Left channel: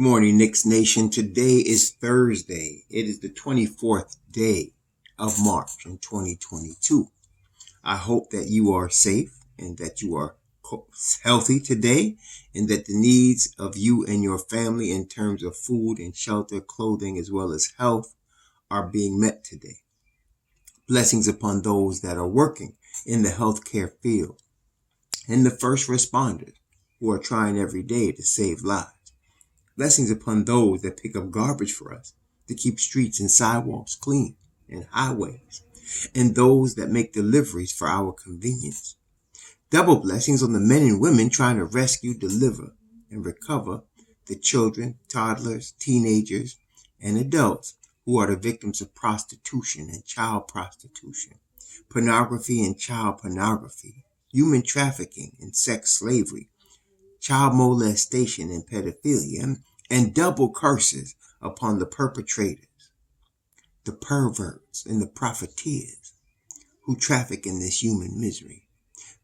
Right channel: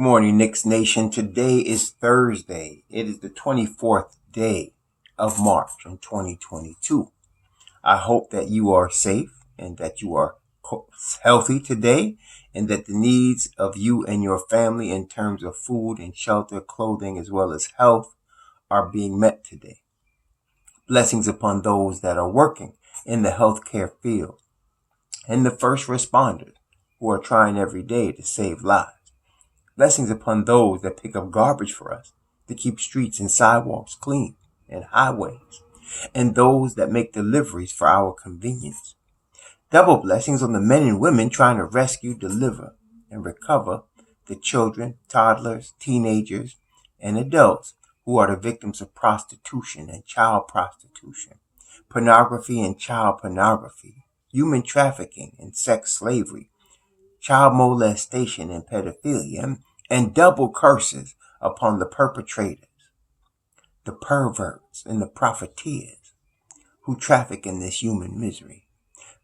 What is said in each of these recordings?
Good morning, Knicks Nation. Today is Thursday. It is the 24th day of March in 2022. I hope that you are safe and that you are healthy today and that the needs of you and your family in terms of food and shelter, clothing, as well as health are being met today. Blessings upon those that are working in the healthcare field and the first responders who are trying every day to save lives. Blessings upon those that pick up garbage for us to keep streets and sidewalks clean and highways, and those that make deliveries for our convenience. Double blessings on the men and women trying to rescue, deliver, and recover the children, toddlers, teenagers, and adults who are the victims of prostitution and child prostitution, pornography and child pornography, human trafficking and sex slavery, child molestation and pedophilia, and double curses upon the perpetrators, the perverts, and the profiteers who traffic in this human misery.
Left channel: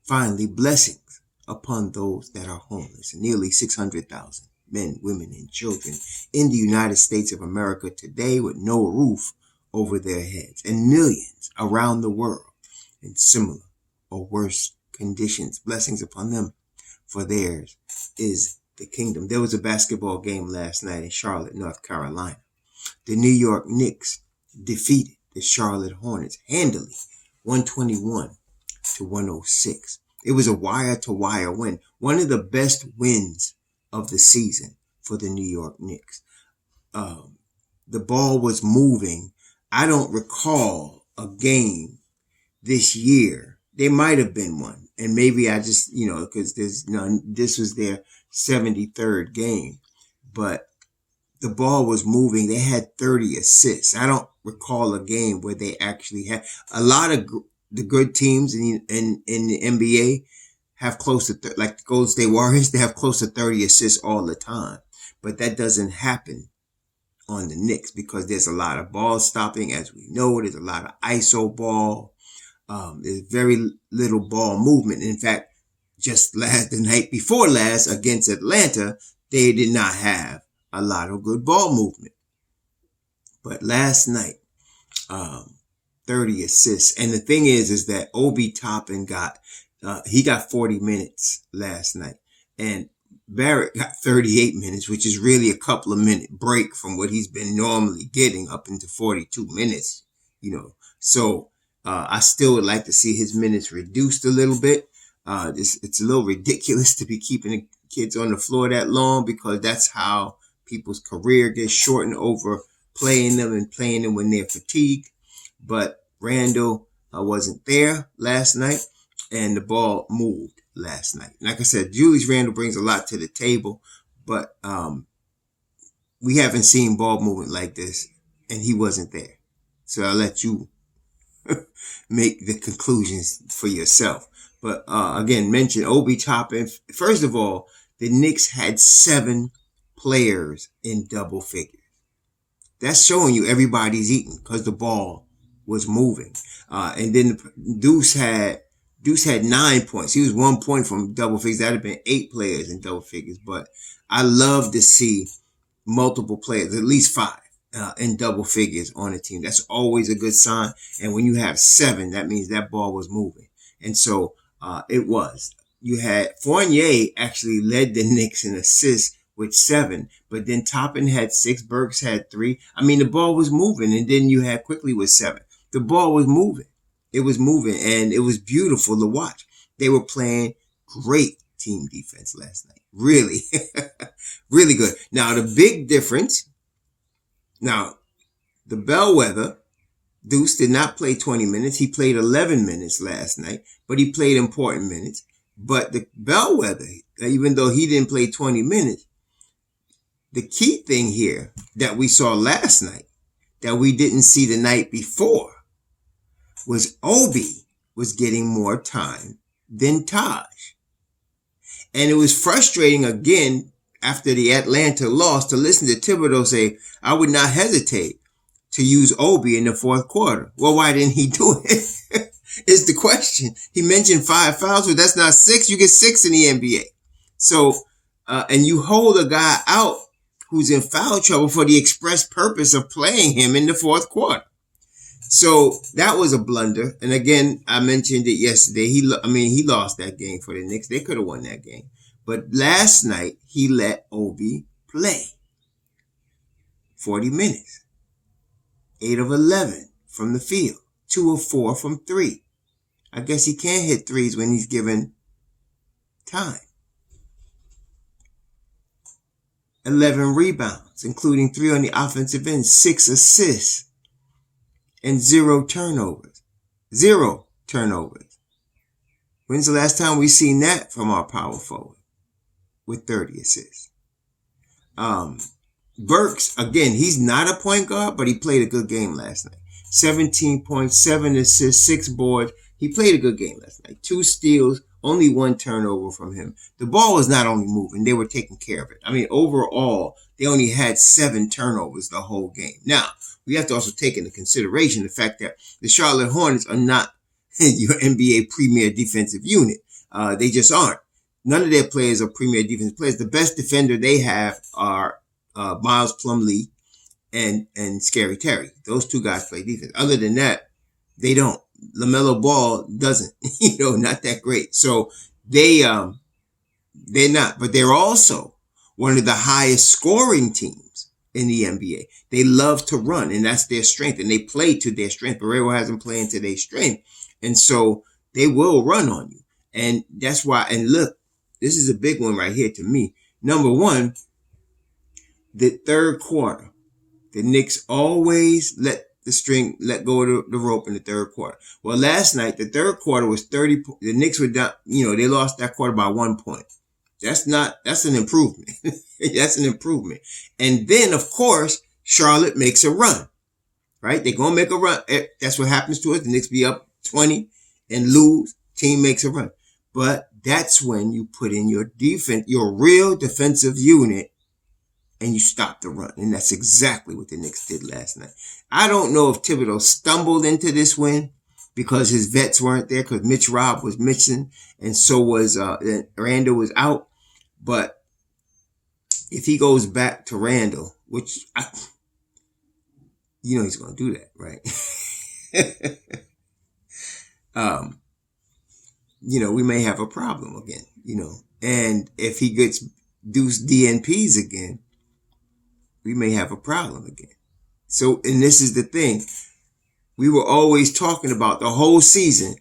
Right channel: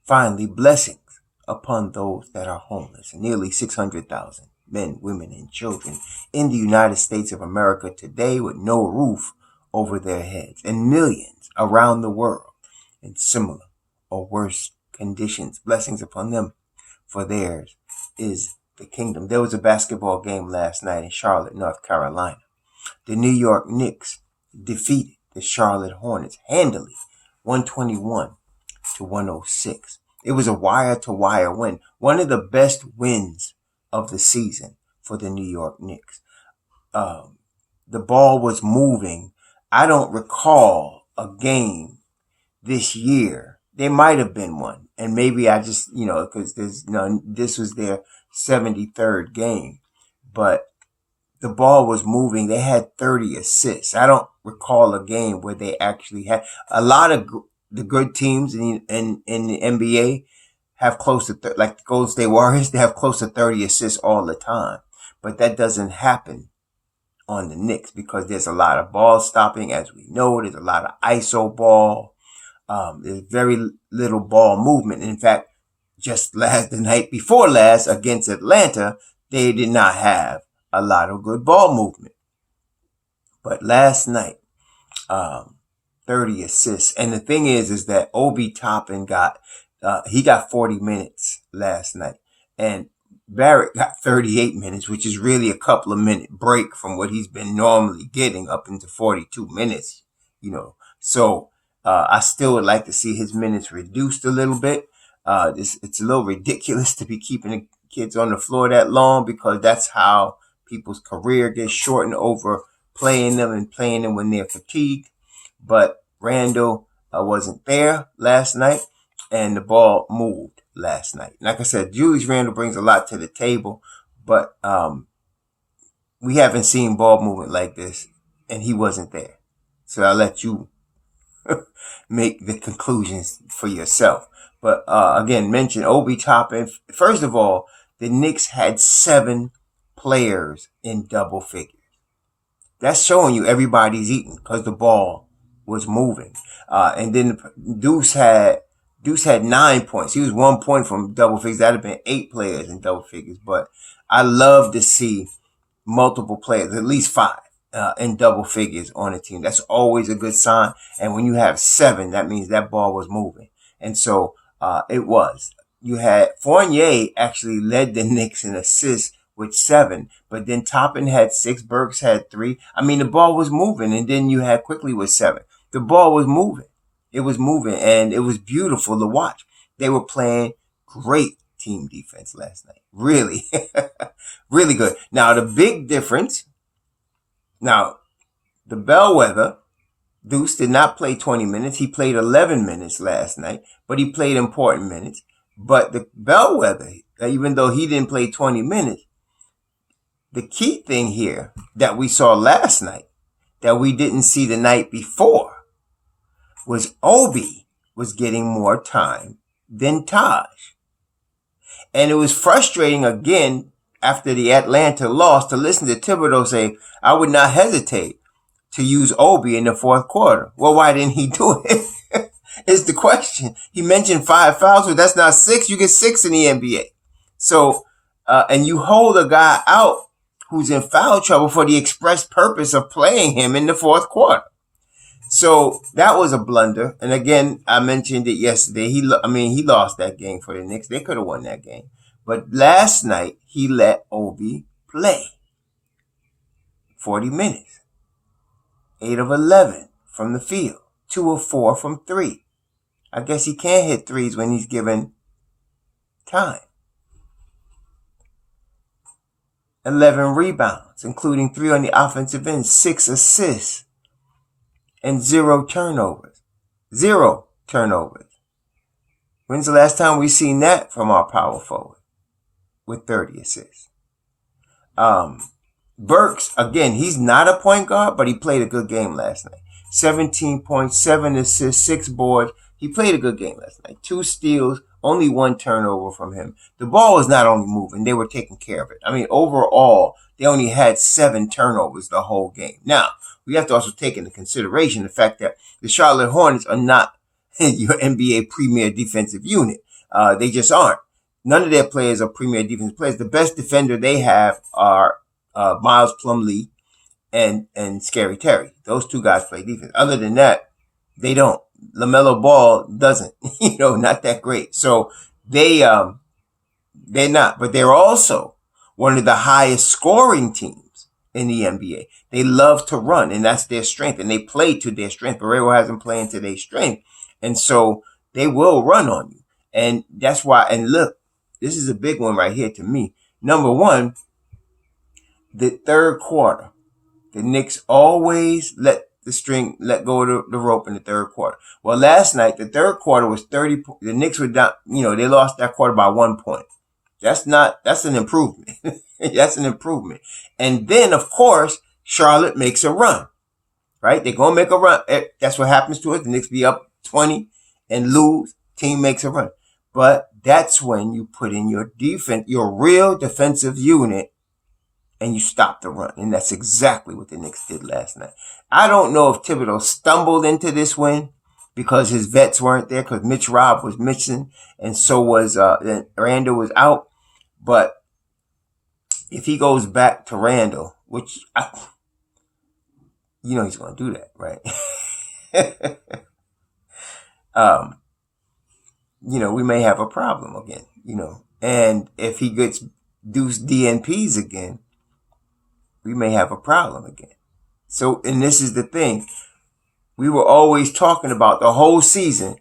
Finally, blessings upon those that are homeless, nearly 600,000 men, women, and children in the United States of America today with no roof over their heads, and millions around the world in similar or worse conditions. Blessings upon them, for theirs is the kingdom. There was a basketball game last night in Charlotte, North Carolina. The New York Knicks defeated the Charlotte Hornets handily, 121-106. It was a wire-to-wire win, one of the best wins of the season for the New York Knicks. The ball was moving. I don't recall a game this year. There might have been one, and maybe I just, because this was their 73rd game, but the ball was moving. They had 30 assists. I don't recall a game where they actually had a lot of the good teams in the NBA have close to, like the Golden State Warriors, they have close to 30 assists all the time, but that doesn't happen on the Knicks because there's a lot of ball stopping, as we know. There's a lot of ISO ball. There's very little ball movement. In fact, just the night before last against Atlanta, they did not have a lot of good ball movement. But last night, 30 assists. And the thing is that Obi Toppin got 40 minutes last night. And Barrett got 38 minutes, which is really a couple of minute break from what he's been normally getting up into 42 minutes, So I still would like to see his minutes reduced a little bit. It's a little ridiculous to be keeping the kids on the floor that long because that's how people's career gets shortened over playing them when they're fatigued. But Randall wasn't there last night, and the ball moved last night. Like I said, Julius Randle brings a lot to the table, but we haven't seen ball movement like this, and he wasn't there. So I'll let you make the conclusions for yourself. But again, mention Obi Toppin. First of all, the Knicks had 7 players in double figures. That's showing you everybody's eating because the ball was moving. And then Deuce had 9 points. He was 1 point from double figures. That'd have been 8 players in double figures. But I love to see multiple players, at least 5. In double figures on a team. That's always a good sign. And when you have 7, that means that ball was moving. And so it was. You had Fournier actually led the Knicks in assists with 7, but then Toppin had 6, Burks had 3. I mean, the ball was moving, and then you had Quickly with 7. The ball was moving. It was moving, and it was beautiful to watch. They were playing great team defense last night. Really, really good. Now, the big difference. Now, the bellwether, Deuce, did not play 20 minutes. He played 11 minutes last night, but he played important minutes. But the bellwether, even though he didn't play 20 minutes, the key thing here that we saw last night that we didn't see the night before was Obi was getting more time than Taj. And it was frustrating again after the Atlanta loss to listen to Thibodeau say, I would not hesitate to use Obi in the fourth quarter. Well, why didn't he do it? Is the question. He mentioned 5 fouls, but that's not 6. You get 6 in the NBA. So, and you hold a guy out who's in foul trouble for the express purpose of playing him in the fourth quarter. So that was a blunder. And again, I mentioned it yesterday. He lost that game for the Knicks. They could have won that game. But last night, he let Obi play 40 minutes, 8 of 11 from the field, 2 of 4 from 3. I guess he can't hit threes when he's given time. 11 rebounds, including 3 on the offensive end, 6 assists, and 0 turnovers. 0 turnovers. When's the last time we seen that from our power forward with 30 assists? Burks, again, he's not a point guard, but he played a good game last night. 17 points, 7 assists, 6 boards. He played a good game last night. 2 steals, only 1 turnover from him. The ball was not only moving, they were taking care of it. I mean, overall, they only had 7 turnovers the whole game. Now, we have to also take into consideration the fact that the Charlotte Hornets are not your NBA premier defensive unit. They just aren't. None of their players are premier defensive players. The best defender they have are Miles Plumlee and Scary Terry. Those 2 guys play defense. Other than that, they don't. LaMelo Ball doesn't, not that great. So they're not, but they're also one of the highest scoring teams in the NBA. They love to run, and that's their strength, and they play to their strength. Barrero has them playing to their strength, and so they will run on you. And that's why, and look, this is a big one right here to me. Number one, the third quarter, the Knicks always let go of the rope in the third quarter. Well, last night, the third quarter was 30. The Knicks were down, they lost that quarter by 1 point. That's an improvement. That's an improvement. And then, of course, Charlotte makes a run, right? They're going to make a run. That's what happens to us. The Knicks be up 20 and lose. Team makes a run. But that's when you put in your defense, your real defensive unit, and you stop the run. And that's exactly what the Knicks did last night. I don't know if Thibodeau stumbled into this win because his vets weren't there, because Mitch Robb was missing and so was Randall was out. But if he goes back to Randall, which he's going to do that, right? We may have a problem again, and if he gets deuce DNPs again, we may have a problem again. So, and this is the thing. We were always talking about the whole season.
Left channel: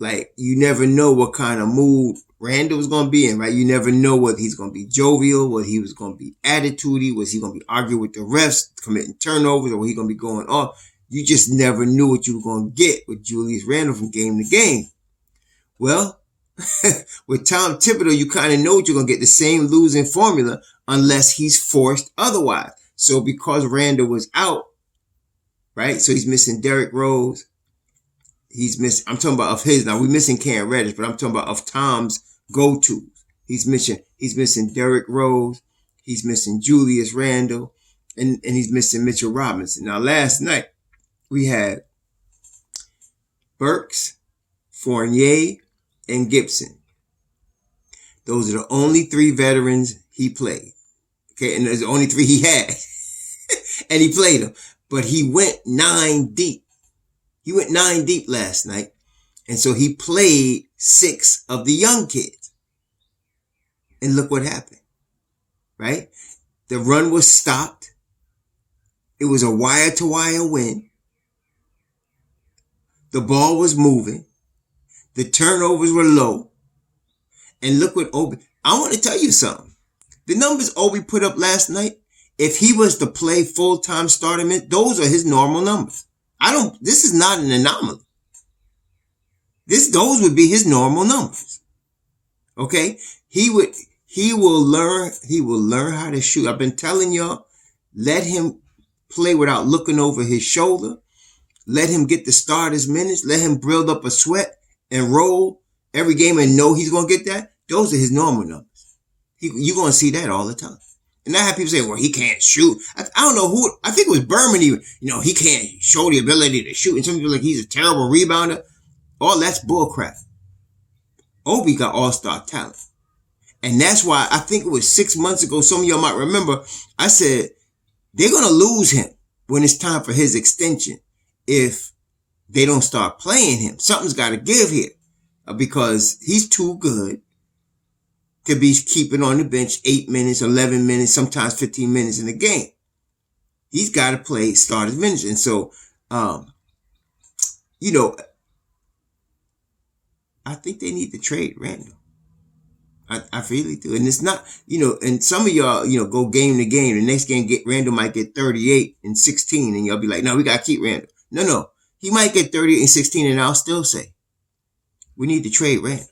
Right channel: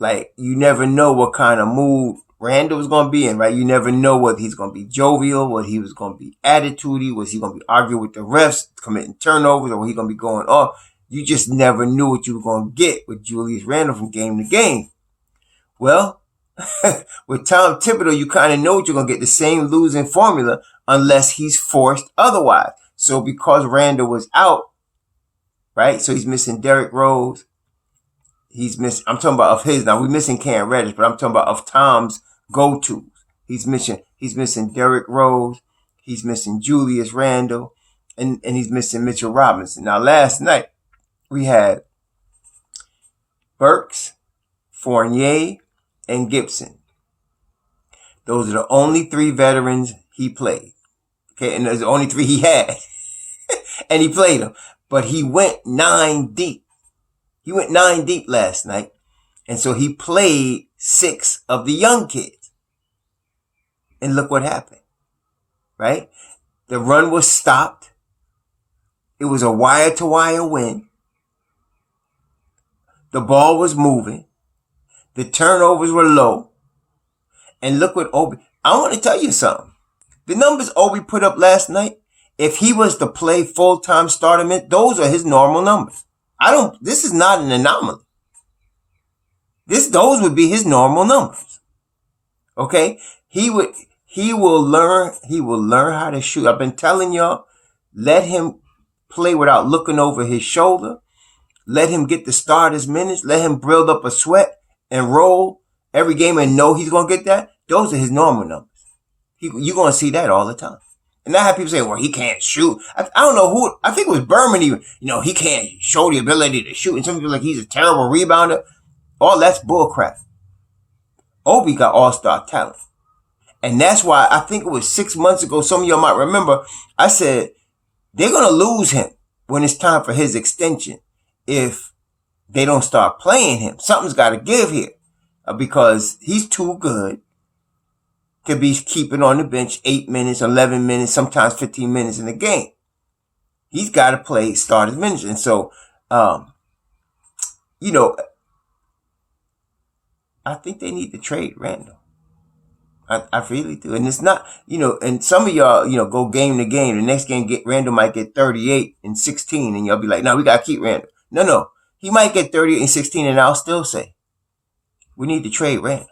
Like, you never know what kind of mood Randall was going to be in, right? You never know whether he's going to be jovial, whether he was going to be attitudey, was he going to be arguing with the refs, committing turnovers, or was he going to be going off? You just never knew what you were going to get with Julius Randle from game to game. Well, with Tom Thibodeau, you kind of know what you're going to get, the same losing formula, unless he's forced otherwise. So because Randall was out, right? So he's missing Derrick Rose. I'm talking about of his. Now we're missing Cam Reddish, but I'm talking about of Tom's go-tos. He's missing Derrick Rose. He's missing Julius Randle, and he's missing Mitchell Robinson. Now last night we had Burks, Fournier, and Gibson. Those are the only 3 veterans he played. Okay, and there's the only 3 he had. And he played them. But he went 9 deep. He went 9 deep last night. And so he played 6 of the young kids. And look what happened. Right? The run was stopped. It was a wire-to-wire win. The ball was moving. The turnovers were low. And look what Obi... I want to tell you something. The numbers Obi put up last night, if he was to play full-time starter, those are his normal numbers. This is not an anomaly. Those would be his normal numbers. Okay? He will learn how to shoot. I've been telling y'all, let him play without looking over his shoulder. Let him get the starters minutes. Let him build up a sweat and roll every game and know he's going to get that. Those are his normal numbers. You're going to see that all the time. And I have people say, well, he can't shoot. I don't know who, I think it was Berman even, he can't show the ability to shoot. And some people like he's a terrible rebounder. All that's bullcrap. Obi got all-star talent. And that's why I think it was 6 months ago. Some of y'all might remember. I said they're gonna lose him when it's time for his extension if they don't start playing him. Something's got to give here because he's too good to be keeping on the bench 8 minutes, 11 minutes, sometimes 15 minutes in the game. He's got to play starters minutes. And so, you know, I think they need to trade Randall. I really do. And it's not, and some of y'all, go game to game. The next game, Randall might get 38 and 16, and y'all be like, no, we got to keep Randall. No. He might get 38 and 16, and I'll still say, we need to trade Randall.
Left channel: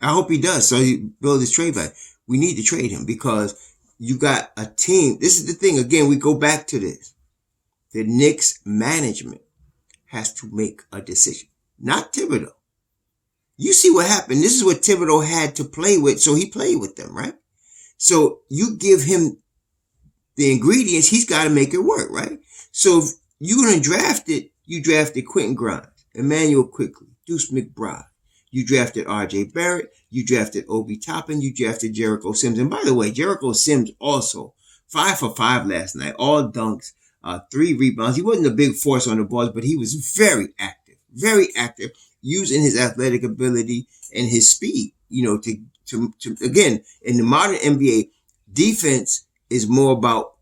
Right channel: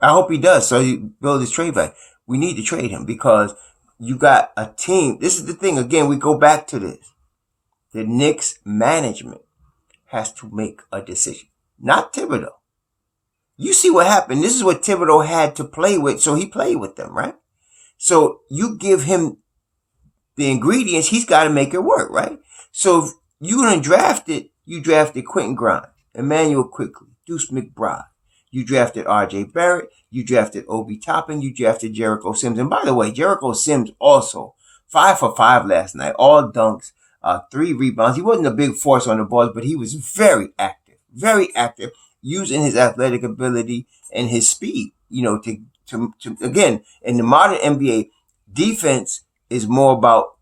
I hope he does, so he build his trade back. We need to trade him because you got a team. This is the thing. Again, we go back to this. The Knicks management has to make a decision, not Thibodeau. You see what happened. This is what Thibodeau had to play with, so he played with them, right? So you give him the ingredients, he's got to make it work, right? So if you're going to draft it, you drafted Quentin Grimes, Emmanuel Quickly, Deuce McBride. You drafted R.J. Barrett. You drafted Obi Toppin. You drafted Jericho Sims. And by the way, Jericho Sims also 5 for 5 last night, all dunks, 3 rebounds. He wasn't a big force on the balls, but he was very active, using his athletic ability and his speed, to again, in the modern NBA, defense is more about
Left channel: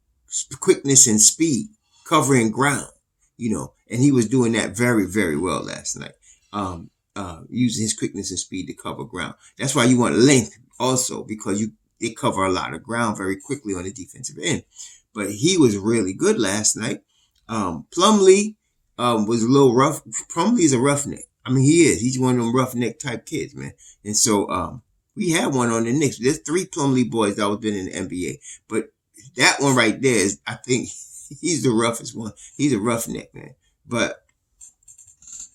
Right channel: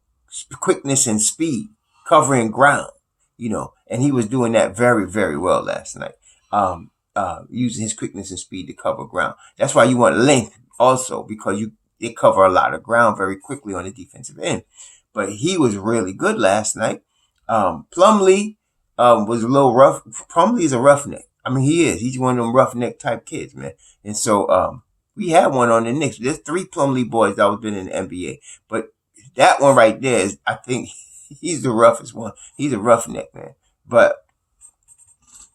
quickness and speed, covering ground, and he was doing that very, very well last night. Using his quickness and speed to cover ground. That's why you want length also, because they cover a lot of ground very quickly on the defensive end. But he was really good last night. Plumlee was a little rough. Plumlee is a roughneck. I mean, he is. He's one of them roughneck type kids, man. And so we had one on the Knicks. There's 3 Plumlee boys that have been in the NBA. But that one right there is, I think, he's the roughest one. He's a roughneck, man. But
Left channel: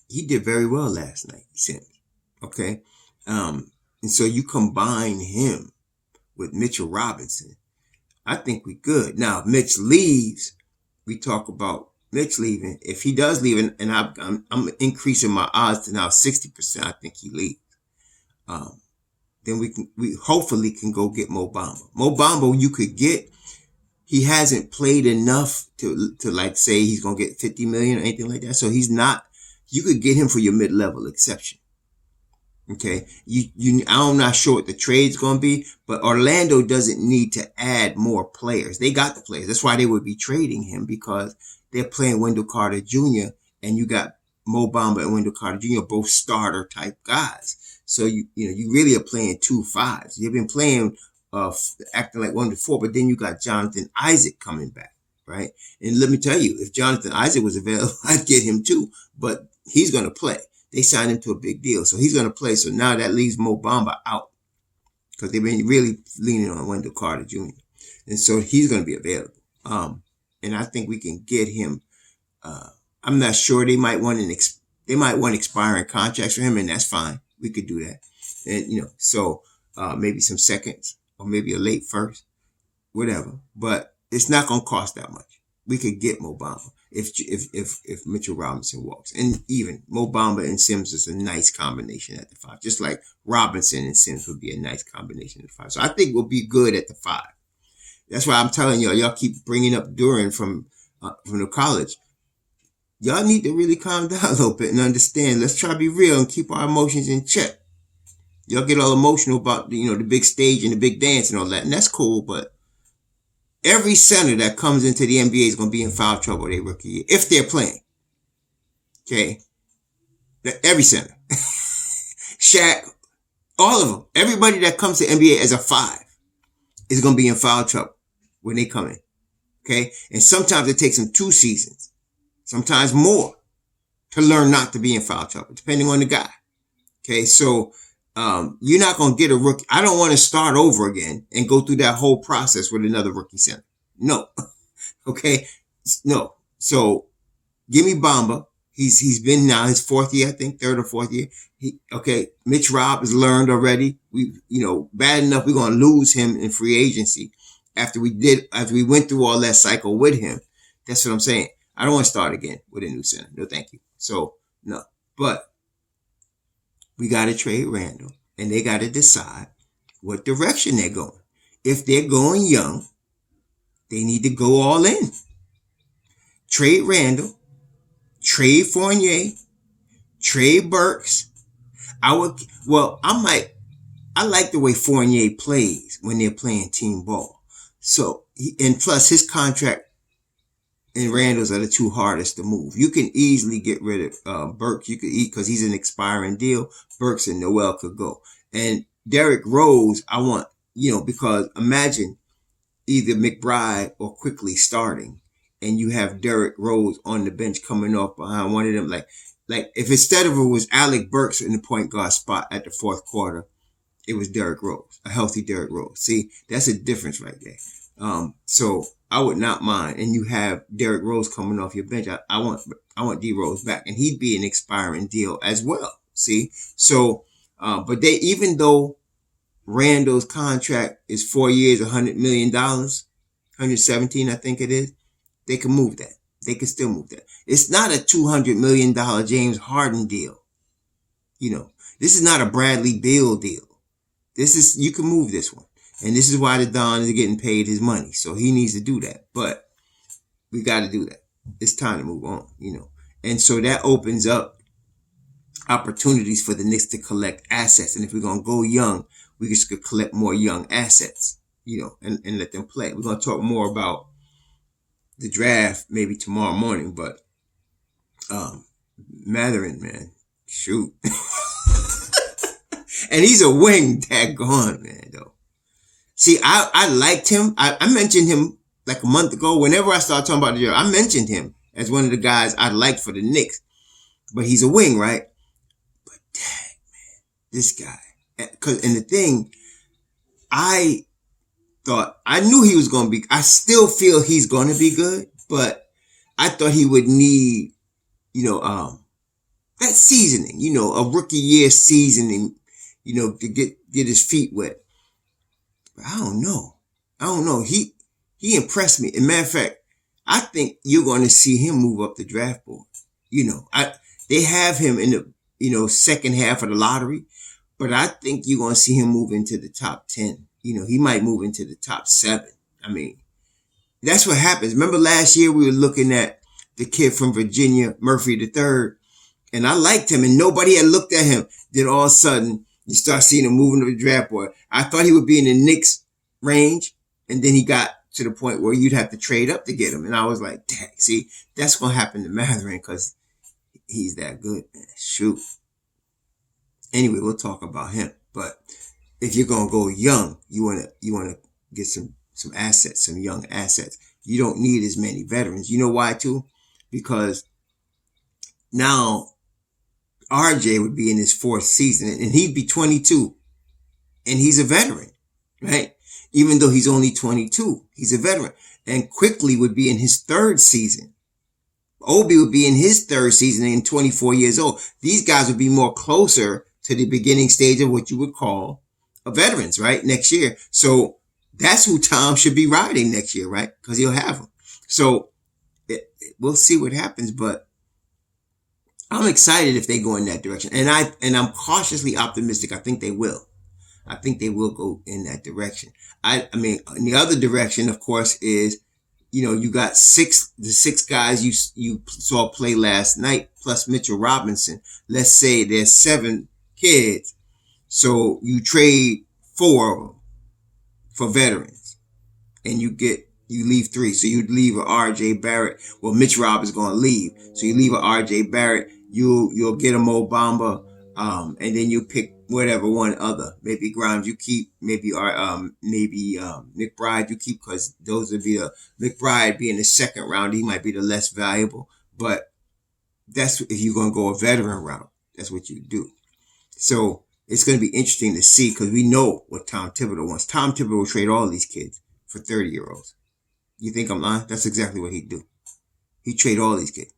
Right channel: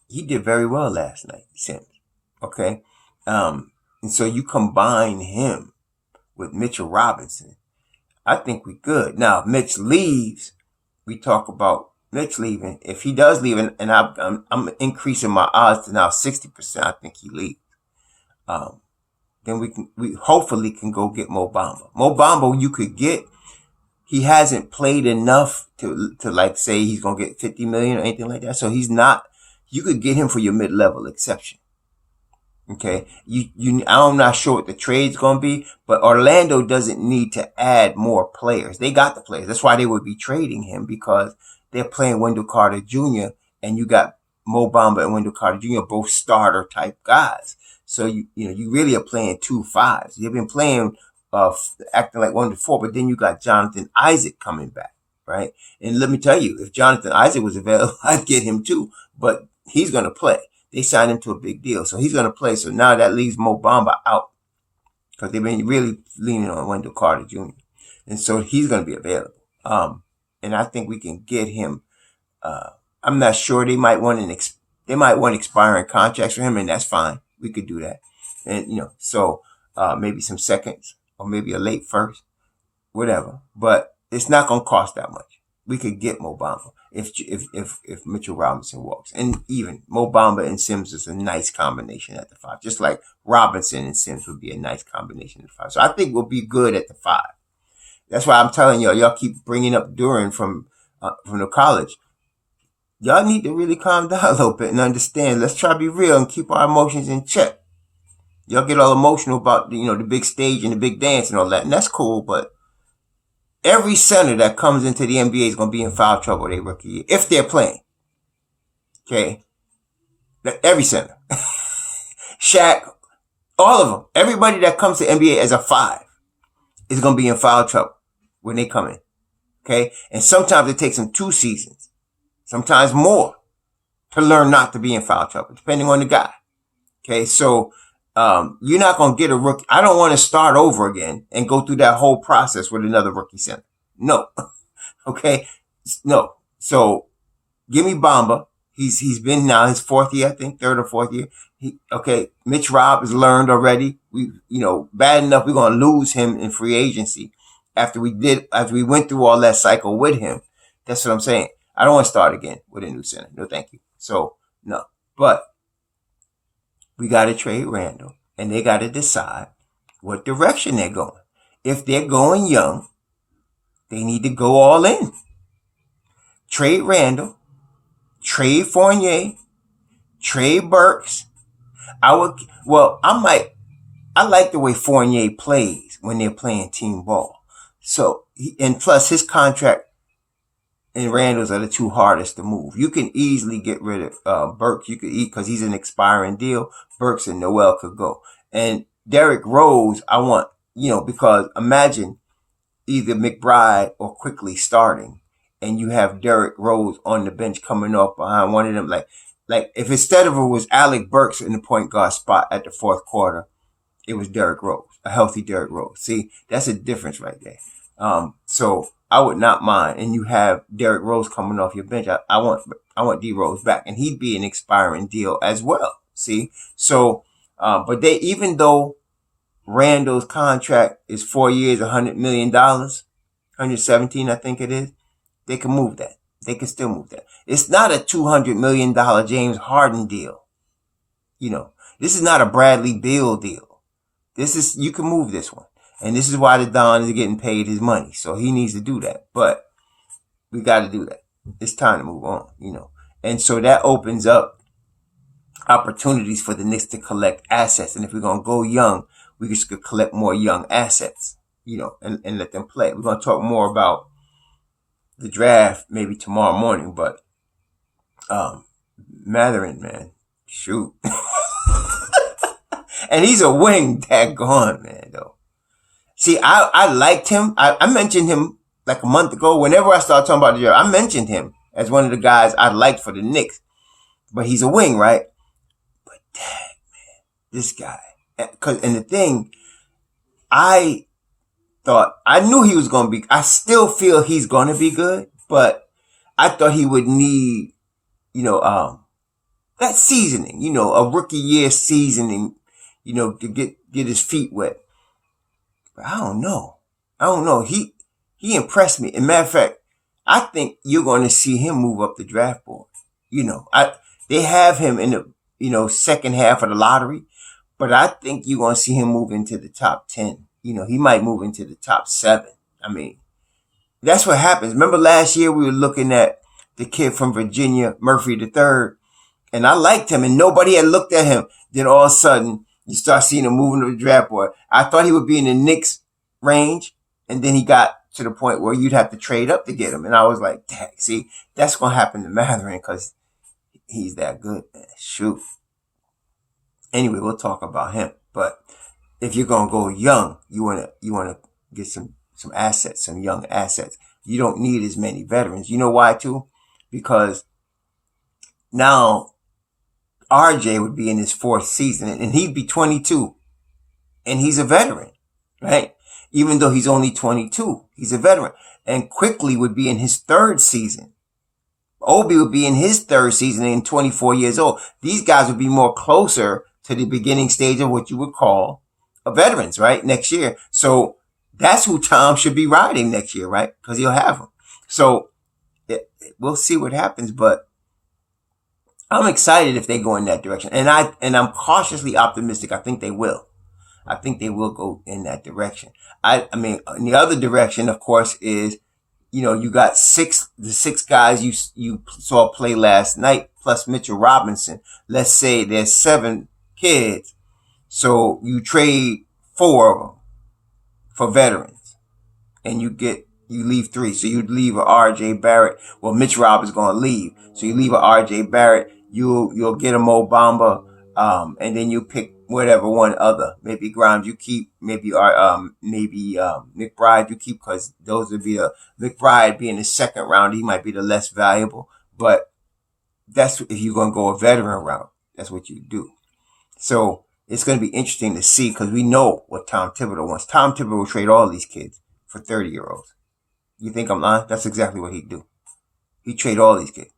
he did very well last night, Sims. Okay? And so you combine him with Mitchell Robinson. I think we're good. Now, if Mitch leaves, we talk about Mitch leaving. If he does leave, and I'm increasing my odds to now 60%, I think he leaves. Then we hopefully can go get Mo Bamba. Mo Bamba you could get. He hasn't played enough to like say he's going to get 50 million or anything like that. So he's not. You could get him for your mid-level exception. Okay. I'm not sure what the trade's going to be, but Orlando doesn't need to add more players. They got the players. That's why they would be trading him, because they're playing Wendell Carter Jr. and you got Mo Bamba and Wendell Carter Jr. both starter type guys. So you really are playing 2 5s. You've been playing, acting like 1 to 4, but then you got Jonathan Isaac coming back, right? And let me tell you, if Jonathan Isaac was available, I'd get him too, but he's going to play. They signed him to a big deal, so he's going to play. So now that leaves Mo Bamba out because they've been really leaning on Wendell Carter Jr. And so he's going to be available. And I think we can get him. I'm not sure. They might want expiring contracts for him, and that's fine. We could do that. And, so maybe some seconds or maybe a late first, whatever. But it's not going to cost that much. We could get Mo Bamba if Mitchell Robinson walks. And even Mo Bamba and Sims is a nice combination at the 5. Just like Robinson and Sims would be a nice combination at the 5. So I think we'll be good at the 5. That's why I'm telling y'all keep bringing up Duran from the college. Y'all need to really calm down a little bit and understand. Let's try to be real and keep our emotions in check. Y'all get all emotional about the big stage and the big dance and all that, and that's cool, but every center that comes into the NBA is going to be in foul trouble their rookie year, if they're playing. Okay? Every center. Shaq, all of them. Everybody that comes to NBA as a 5 is going to be in foul trouble when they come in. Okay? And sometimes it takes them 2 seasons, sometimes more, to learn not to be in foul trouble, depending on the guy. Okay? So, you're not going to get a rookie. I don't want to start over again and go through that whole process with another rookie center. No. Okay? No. So give me Bamba. He's been now his 4th year, I think, 3rd or 4th year. Mitch Rob has learned already. Bad enough we're going to lose him in free agency after we went through all that cycle with him. That's what I'm saying. I don't want to start again with a new center. No, thank you. So, no. But we got to trade Randall, and they got to decide what direction they're going. If they're going young, they need to go all in. Trade Randall, trade Fournier, trade Burks. I like the way Fournier plays when they're playing team ball. So, and plus his contract and Randall's are the two hardest to move. You can easily get rid of Burks. You could because he's an expiring deal. Burks and Noel could go. And Derrick Rose, I want, because imagine either McBride or Quickly starting, and you have Derrick Rose on the bench coming off behind one of them. Like if instead of it was Alec Burks in the point guard spot at the fourth quarter, it was Derrick Rose, a healthy Derrick Rose. See, that's a difference right there. So I would not mind. And you have Derrick Rose coming off your bench. I want D Rose back, and he'd be an expiring deal as well. See, so but even though Randall's contract is 4 years, $100 million, 117, I think it is, they can move that. They can still move that. It's not a $200 million James Harden deal. This is not a Bradley Beal deal. You can move this one. And this is why the Don is getting paid his money. So he needs to do that. But we got to do that. It's time to move on, And so that opens up opportunities for the Knicks to collect assets. And if we're going to go young, we just could collect more young assets, and let them play. We're going to talk more about the draft maybe tomorrow morning. But Mathurin, man, shoot. And he's a wing, daggone, man, though. See, I liked him. I mentioned him like a month ago. Whenever I started talking about the draft, I mentioned him as one of the guys I liked for the Knicks. But he's a wing, right? But dang, man, this guy. And the thing, I knew he was going to be, I still feel he's going to be good, but I thought he would need, that seasoning, a rookie year seasoning, to get his feet wet. But I don't know. He impressed me. As a matter of fact, I think you're going to see him move up the draft board. They have him in the, second half of the lottery, but I think you're going to see him move into the top 10. He might move into the top 7. I mean, that's what happens. Remember last year we were looking at the kid from Virginia, Murphy III, and I liked him and nobody had looked at him. Then all of a sudden, you start seeing him moving to the draft board. I thought he would be in the Knicks range, and then he got to the point where you'd have to trade up to get him. And I was like, dang, see, that's going to happen to Mathurin because he's that good, man. Shoot. Anyway, we'll talk about him. But if you're going to go young, you want to get some assets, some young assets. You don't need as many veterans. You know why, too? Because now RJ would be in his 4th season and he'd be 22 and he's a veteran, right? Even though he's only 22, he's a veteran. And Quickly would be in his 3rd season. Obi would be in his 3rd season and 24 years old. These guys would be more closer to the beginning stage of what you would call a veterans, right? Next year. So that's who Tom should be riding next year, right? Because he'll have them. So we'll see what happens, but I'm excited if they go in that direction. And I'm cautiously optimistic. I think they will. I think they will go in that direction. I mean, in the other direction, of course, is, you got the 6 guys you saw play last night, plus Mitchell Robinson. Let's say there's 7 kids. So you trade 4 of them for veterans and you leave 3. So you'd leave a RJ Barrett. Well, Mitch Roberts going to leave. So you leave a RJ Barrett. You'll get a Mo Bamba. And then you pick whatever one other. Maybe Grimes you keep. Maybe McBride you keep, because those would be McBride being the 2nd round. He might be the less valuable. But that's if you're going to go a veteran route. That's what you do. So it's going to be interesting to see, because we know what Tom Thibodeau wants. Tom Thibodeau will trade all these kids for 30-year-olds. You think I'm lying? That's exactly what he'd do. He'd trade all these kids.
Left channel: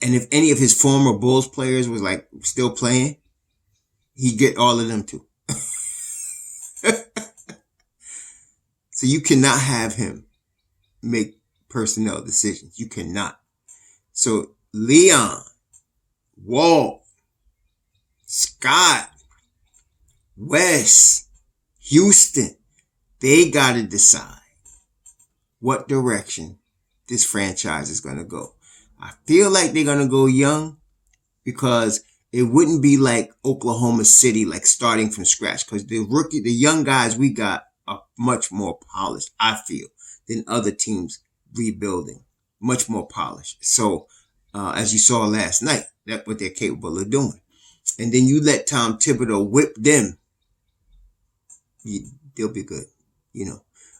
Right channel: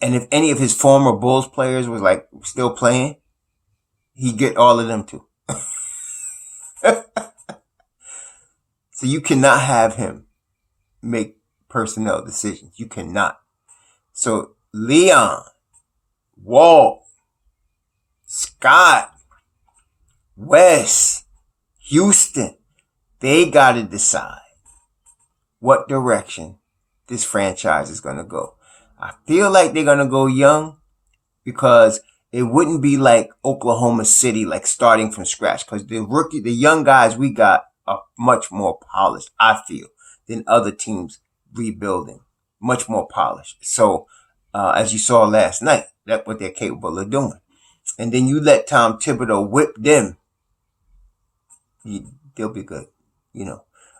And if any of his former Bulls players was still playing, he'd get all of them too. So you cannot have him make personnel decisions. You cannot. So Leon, Walt, Scott, Wes, Houston, they got to decide what direction this franchise is going to go. I feel like they're going to go young because it wouldn't be like Oklahoma City, like starting from scratch, because the young guys we got are much more polished, I feel, than other teams rebuilding. Much more polished. So, as you saw last night, that's what they're capable of doing. And then you let Tom Thibodeau whip them, they'll be good.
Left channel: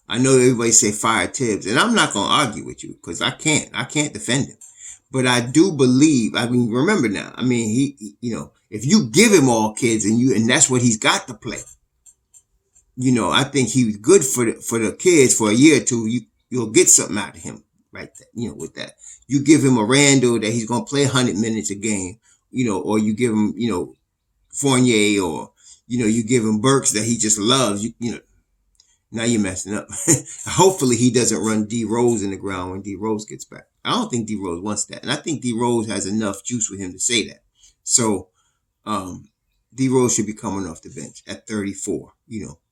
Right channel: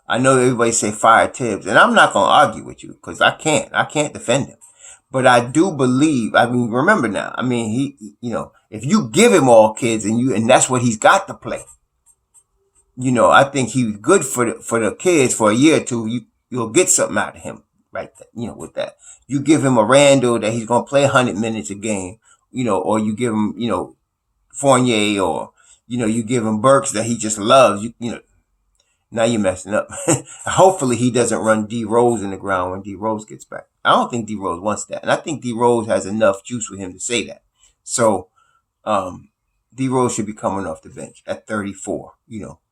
I know everybody say fire Tibbs, and I'm not going to argue with you because I can't defend him. But I do believe, remember now, he if you give him all kids and that's what he's got to play, I think he's good for the kids for a year or two. You'll get something out of him, right? With that, you give him a Randall that he's going to play 100 minutes a game, or you give him, Fournier, or, you give him Burks that he just loves, now you're messing up. Hopefully he doesn't run D Rose in the ground when D Rose gets back. I don't think D Rose wants that. And I think D Rose has enough juice with him to say that. So, D Rose should be coming off the bench at 34,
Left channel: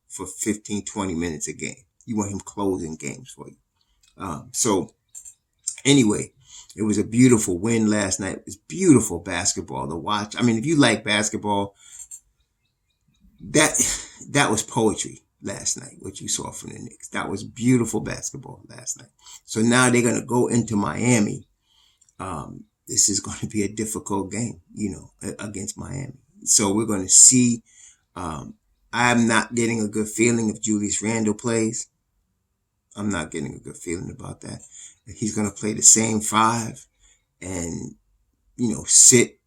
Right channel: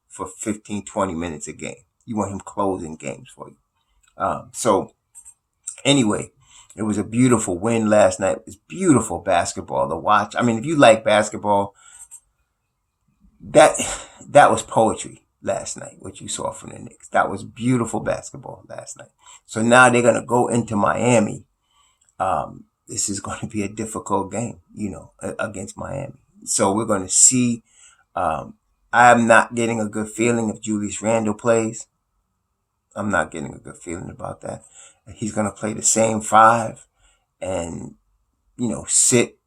for 15, 20 minutes a game. You want him closing games for you. So anyway, it was a beautiful win last night. It was beautiful basketball to watch. If you like basketball, that was poetry last night, what you saw from the Knicks. That was beautiful basketball last night. So now they're going to go into Miami. This is going to be a difficult game, against Miami. So we're going to see. I'm not getting a good feeling if Julius Randle plays. I'm not getting a good feeling about that. He's going to play the same five and, sit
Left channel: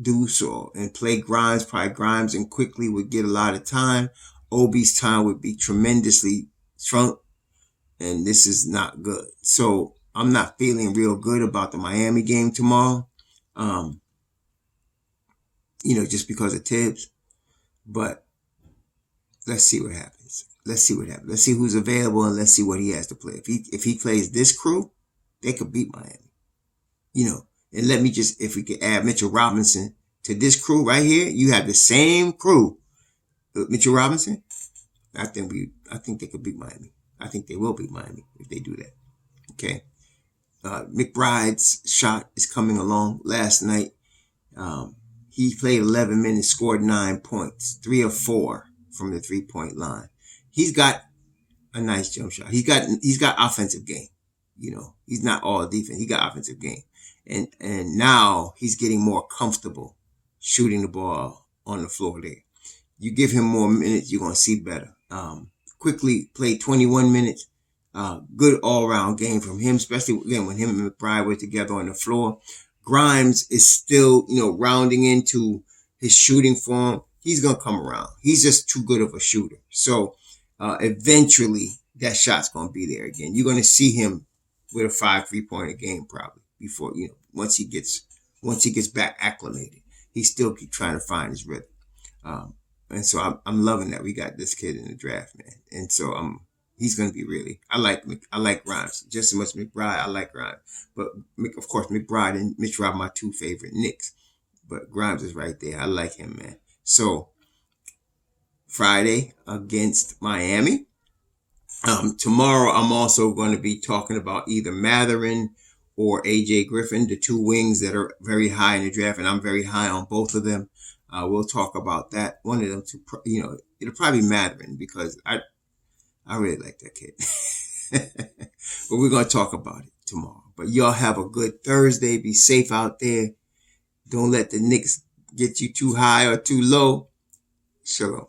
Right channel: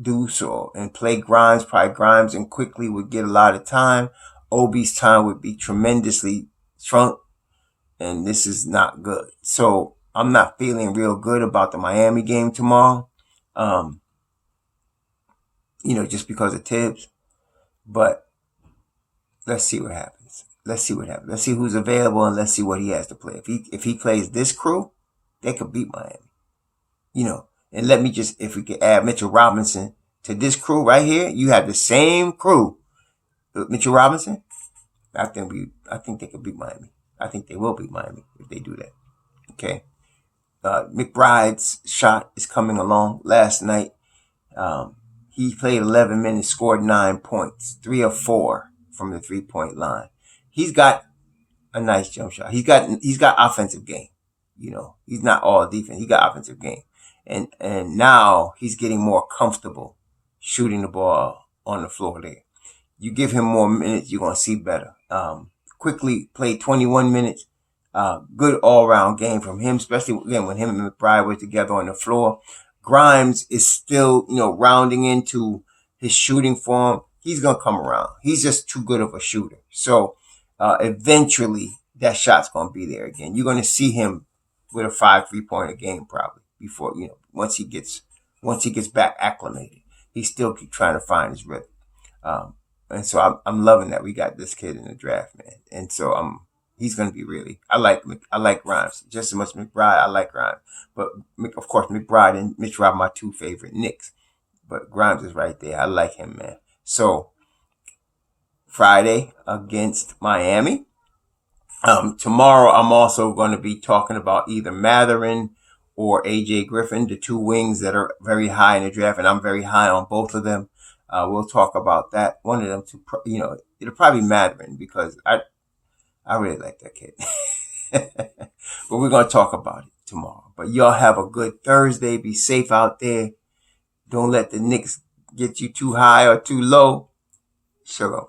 Deuce and play Grimes. Probably Grimes and Quickly would get a lot of time. Obi's time would be tremendously shrunk, and this is not good. So I'm not feeling real good about the Miami game tomorrow, just because of Tibbs. But let's see what happens. Let's see who's available, and let's see what he has to play. If he plays this crew, they could beat Miami. And if we could add Mitchell Robinson to this crew right here, you have the same crew. Mitchell Robinson, I think they could beat Miami. I think they will beat Miami if they do that. Okay. McBride's shot is coming along. Last night, he played 11 minutes, scored 9 points, 3 of 4 from the 3-point line. He's got a nice jump shot. He's got offensive game. He's not all defense. He got offensive game. And now he's getting more comfortable shooting the ball on the floor there. You give him more minutes, you're going to see better. Quickly played 21 minutes. Good all-around game from him, especially, again, when him and McBride were together on the floor. Grimes is still, rounding into his shooting form. He's going to come around. He's just too good of a shooter. So eventually that shot's going to be there again. You're going to see him with a 5 3-pointer game probably before, once he gets back acclimated. He still keep trying to find his rhythm. And so I'm loving that we got this kid in the draft, man. And so he's going to be really, I like Grimes just as much as McBride. I like Grimes, but of course McBride and Mitch Rob are my 2 favorite Knicks, but Grimes is right there. I like him, man. So Friday against Miami. Tomorrow I'm also going to be talking about either Matherin or AJ Griffin, the 2 wings that are very high in the draft, and I'm very high on both of them. We'll talk about that. One of them, it'll probably be Matherin because I really like that kid. But we're going to talk about it tomorrow. But y'all have a good Thursday. Be safe out there. Don't let the Knicks get you too high or too low. Shalom.